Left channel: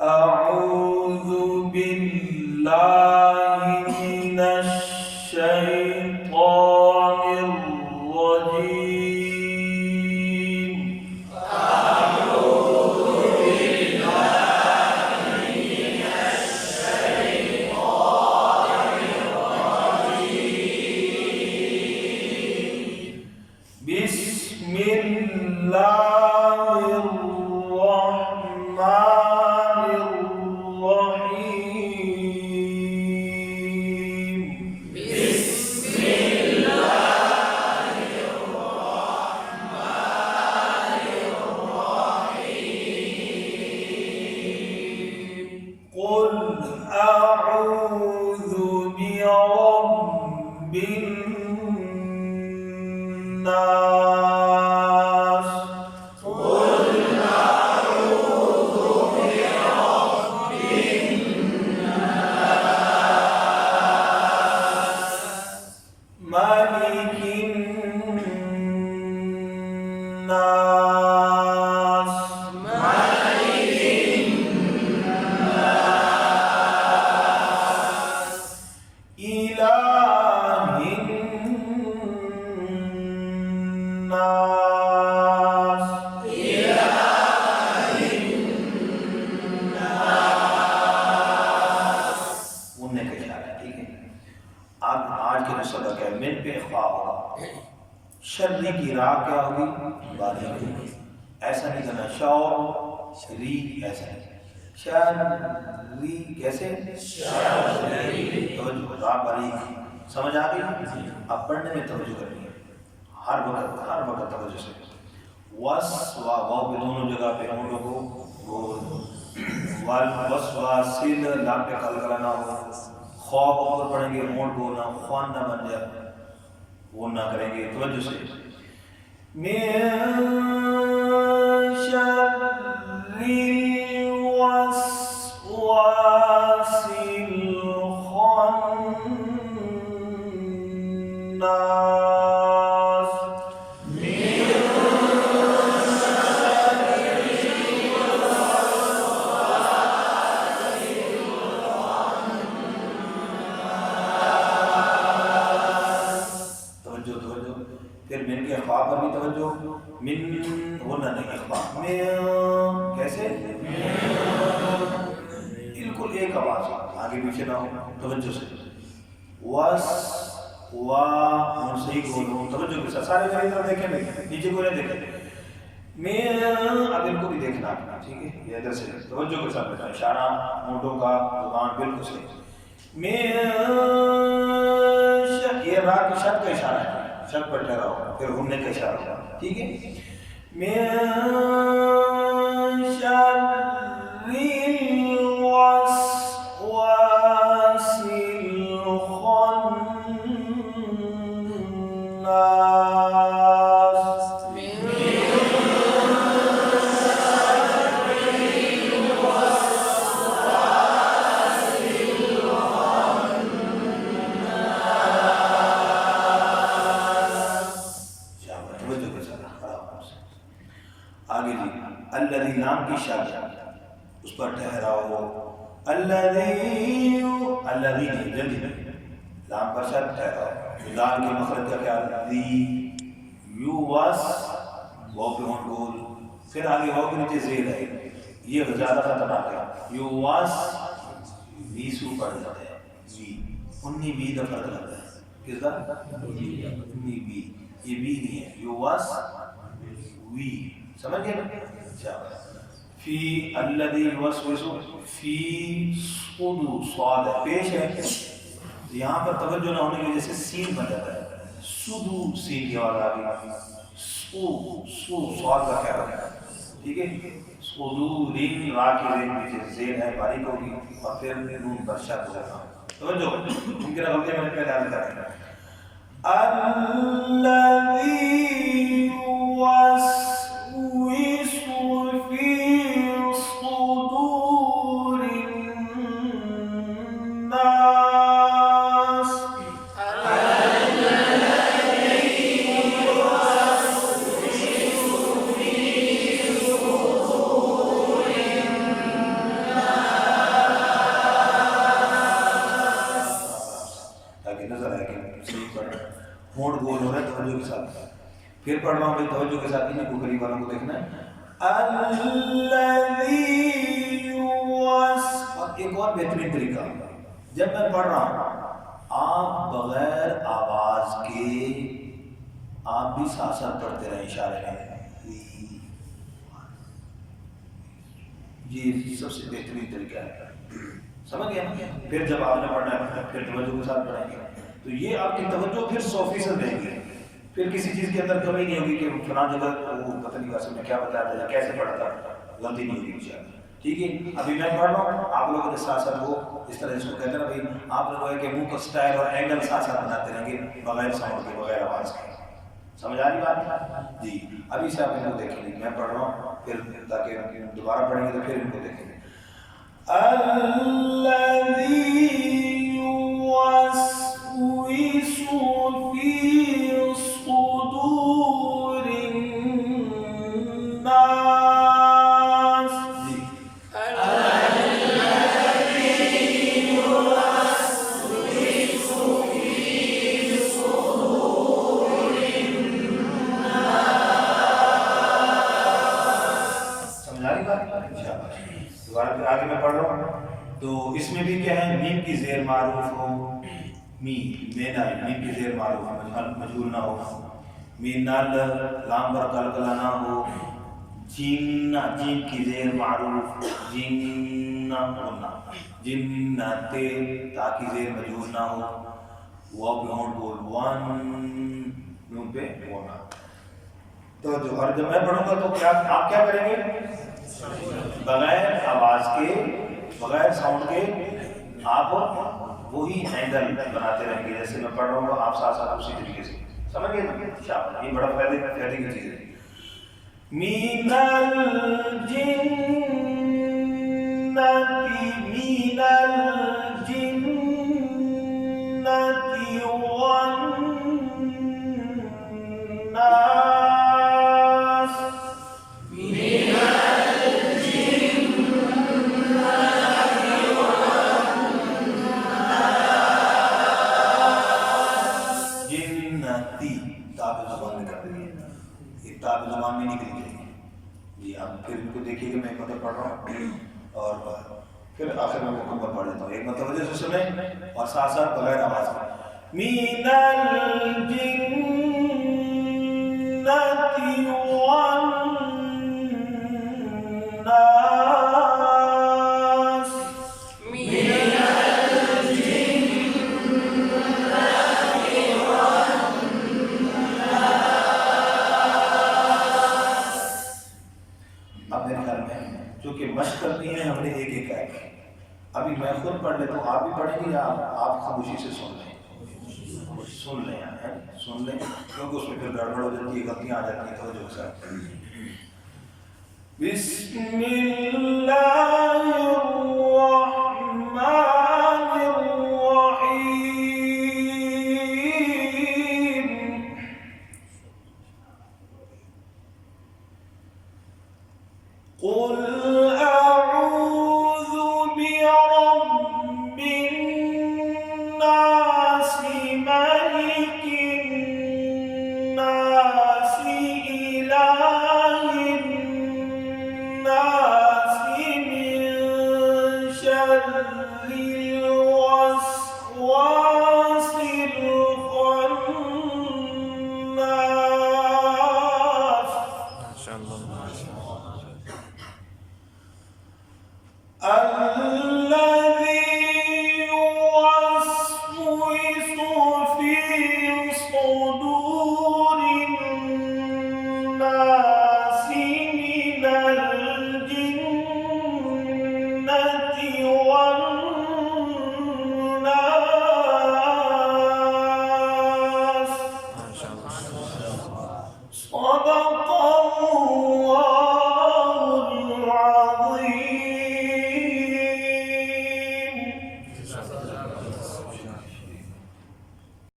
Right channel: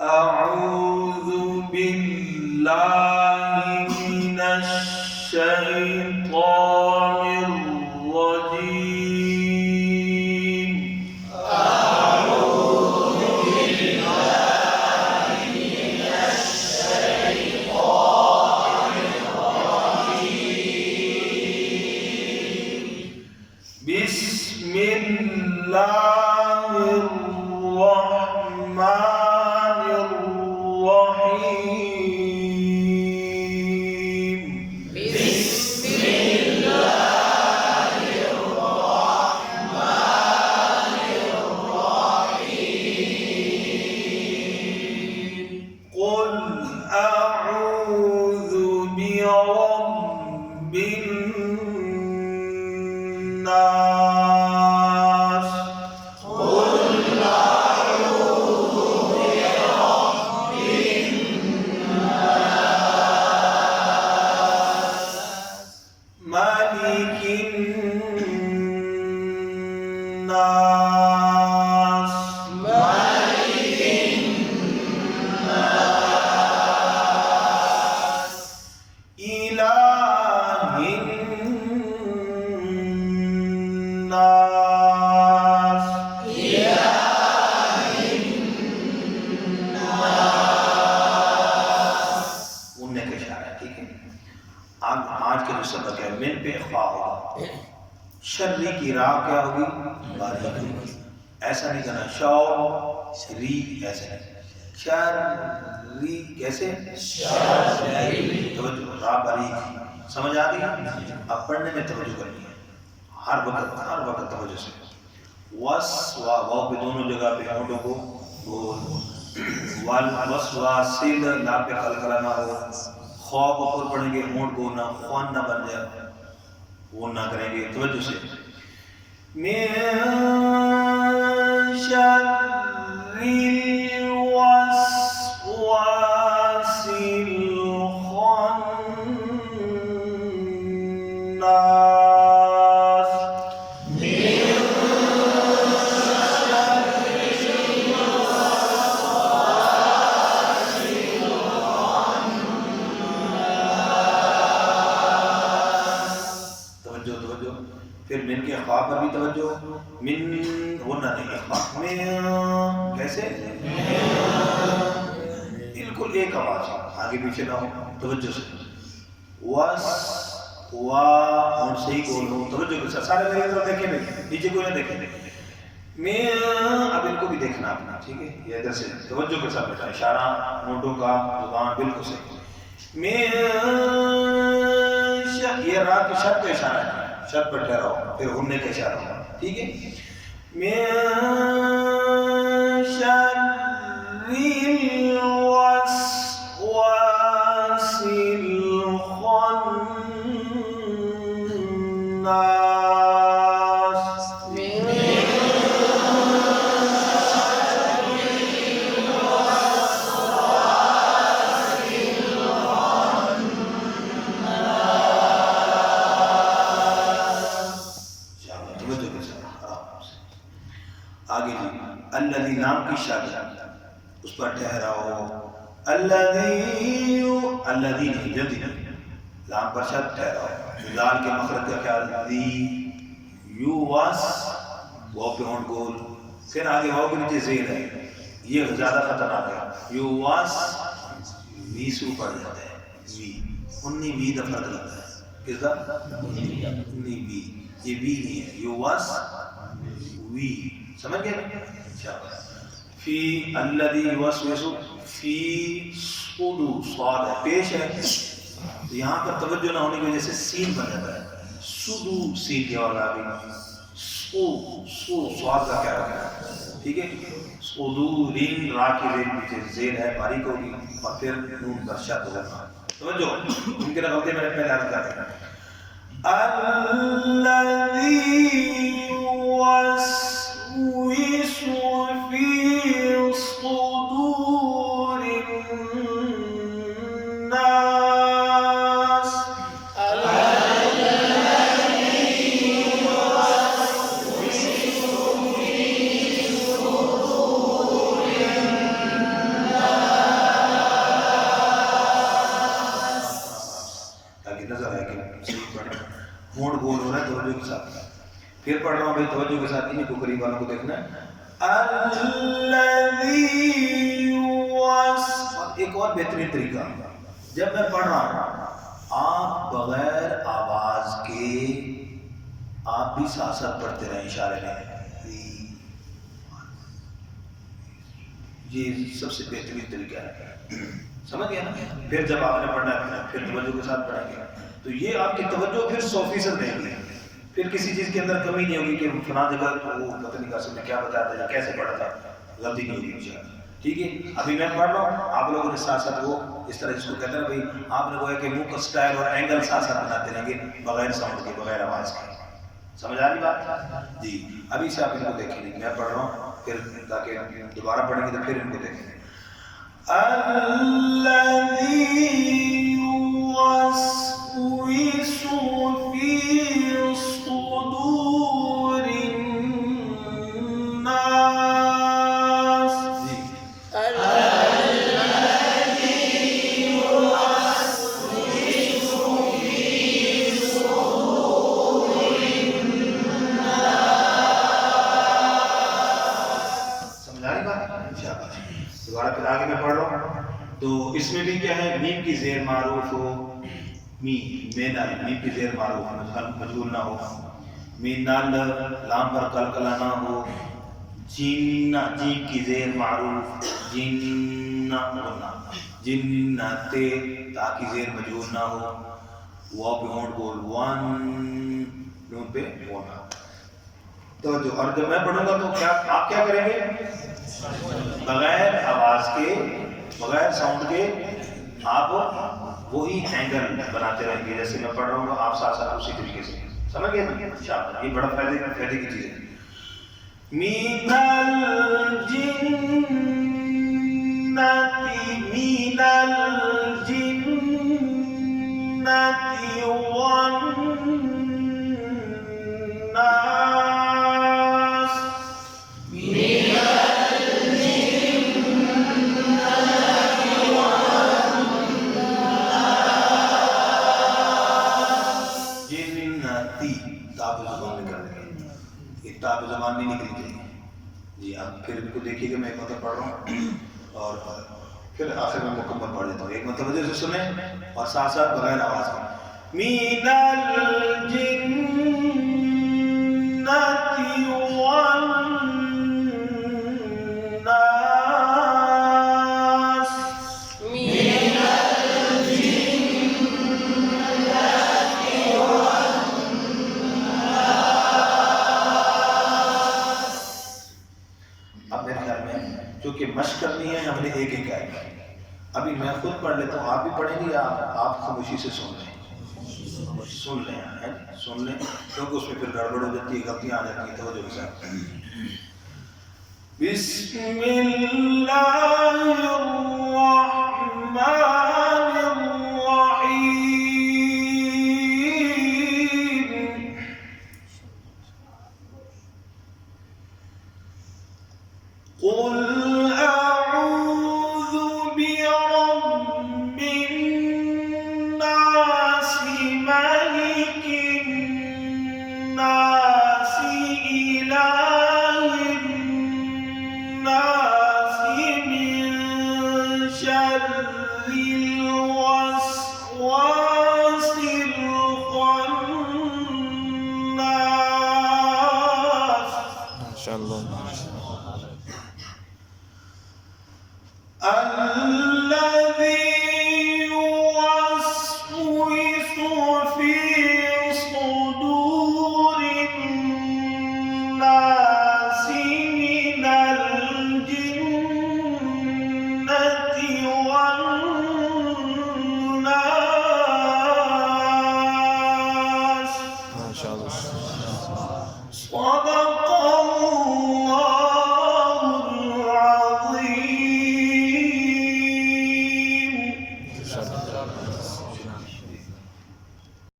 أعوذ بالله من الشيطان الرجيم. أعوذ بالله من الشيطان الرجيم. بسم الله الرحمن الرحيم. بسم الله الرحمن الرحيم. قل أعوذ برب الناس. قل أعوذ برب الناس. ملك الناس. ملك الناس. إله الناس. إله الناس. उनने का इशारा है, ठीक है। आज के जो सबक है मिन पे इख्फा होगा, शर्री की राह क्या होगी, बारीक होगी। ऐसा नहीं करना शौ री, ऐसा नहीं शर्री, कैसे शर्री, तवज्जो राह बारीक, समझ आ गई। अब पढ़ने में तवज्जो करनी है, हर वक्त तवज्जो से। वस वा वाव पे दोनों जगह पे होंठों को बोल, वल वस वा सिल ला पे कलकला ना हो, खौफ ऊपर पढ़ेंगे होंठ को ना ख्वान ना बन जाए, वो ना करेंगे तवज्जो से। मिन शर्रिल वस्वासिल खन्नास। तवज्जो तवज्जो, फिर मिन के ख्वा पर भी तवज्जो। मिन वरना नहीं, ख्वा में कैसे बिल्कुल एक आवाज, आगे पीछे ना हो, तवज्जो से। वस वा और सही बोलो, तवज्जो के साथ। सारे मेरे तरफ देखें, नीचे कोई ना देखे। मैं अब इनको भी देखना अपना, ठीक है। ये इधर से तवज्जो के साथ बेटा, इशारा होंठों का, जुबान बिल्कुल सही। मैं ये रात की शर्त का इशारा है, शर्त पर ठहराओ, फिर घूमने का इशारा होगा, ठीक है। मिन शर्रिल वस्वासिल खन्नास। आगे जी, अल्लज़ी नाम की शादी, उस पर ठहराओ। अल्लज़ी, अल्लज़ी नहीं, जल्दी नहीं, लाम पर शर्त ठहराओ। लाल के मखरज का ख्याल, दी यू वास, वाव पे होंठ गोल, फिर आगे वाव के नीचे ज़ेर है, ये ज़्यादा खतरनाक है। यू वास वी से ऊपर जाता है, वी उन्नी वी का फर्क लगता है, किसका उन्नी वी, ये वी नहीं है, यू वास वी, समझ गए। फी अल्लज़ी युवस्विसु फी सुदू, स्वाद है, पेश है, यहाँ पर तवज्जो ना होने की वजह से सीन बन जाता है, सुदू सीन की आवाज आ गई, सु सु स्वाद का क्या होगा, ठीक है। सुदू रिन, रा की रिन पीछे जेर है, बारीक होगी, और फिर नून बरशात होगा। तवज्जो, उनके गलती मैंने पहले अर्ज कर दिया। अल्लज़ी युवस्विसु फी सुदूरिन नास। फिर पढ़ रहा हूँ भाई, तवज्जो के साथ, इन्हीं को करीब वालों को देखना है। अल्लज़ी युवस। और एक और बेहतरीन तरीका, जब मैं पढ़ रहा हूँ आप बगैर आवाज के आप भी साथ साथ पढ़ते रहे इशारे में, ये सबसे बेहतरीन तरीका है, समझ गया ना। फिर जब आपने पढ़ना है फिर तवज्जो के साथ पढ़ेंगे, तो ये आपकी तवज्जो फिर 100% रहेगी, फिर किसी चीज़ के अंदर कमी नहीं होगी कि फला जगह वो पता नहीं कैसे मैं क्या बताया था या कैसे पढ़ा था, गलती नहीं होगी इंशाअल्लाह। ठीक है, अभी मैं पढ़ रहा हूँ, आप लोगों ने साथ साथ वो इस तरह जिसको कहते हैं ना भाई, आप लोगों के मुंह का स्टाइल और एंगल साथ साथ बनाते रहेंगे बगैर साउंड के, बगैर आवाज़ के। समझ आ रही बात जी? अभी से आप इनको देखेंगे, मैं पढ़ रहा हूँ फिर ताकि दोबारा पढ़ेंगे तो फिर इनको देखेंगे। अल्लज़ी युवस्विसु फी सुदूरिन नास। जी, अल्लज़ी युवस्विसु फी सुदूरिन नास। समझ आ रही बात? शाबाश। दोबारा फिर आगे मैं पढ़ रहा हूँ, तो इसमें भी क्या है, मीम की जेर मारूफ हो, मीम की जेर मारूफ मजबूर ना हो, मीनल लाम पर कलकला ना हो, जिन्ना जीम की जेर मारूफ जिन्ना होना, जिन्नते ता की जेर मजबूर ना हो, वाव पे होंठ बोल, वन नून पे होना। तो जो और जब मैं पढ़ूंगा तो क्या आप क्या करेंगे, बगैर आवाज के बगैर साउंड के आप वही एंगल बनाते रहेंगे, जैसे मैं पढ़ रहा हूँ आप साथ साथ उसी तरीके से, समझ गए ना? शाबाश, ये बड़ा फायदे की चीज है। मीनल जिन्नती मीनल जिन्नती वन नास। ताब ज़बान नहीं निकली जाएगी जी। अब फिर इनको देखिए कि मैं एक मतलब पढ़ रहा हूँ और फिर आखिर में मुकम्मल पढ़ देता हूँ, एक मतलब वजह से सुने और साथ साथ बगैर आवाज़ में। मीनल जिन्नति वन नास। क्योंकि मशक करनी है हमने एक एक आएगा, अभी मैं खुद पढ़ लेता हूँ, आप भी पढ़ेंगे या आप खामोशी से सुन लें, सुन लें क्योंकि उसमें फिर गड़बड़ हो जाती है, गलतियाँ आ जाती हैं। तवज्जो के साथ बिस्मिल्लाहिर्रहमानिर्रहीम। कुल Allah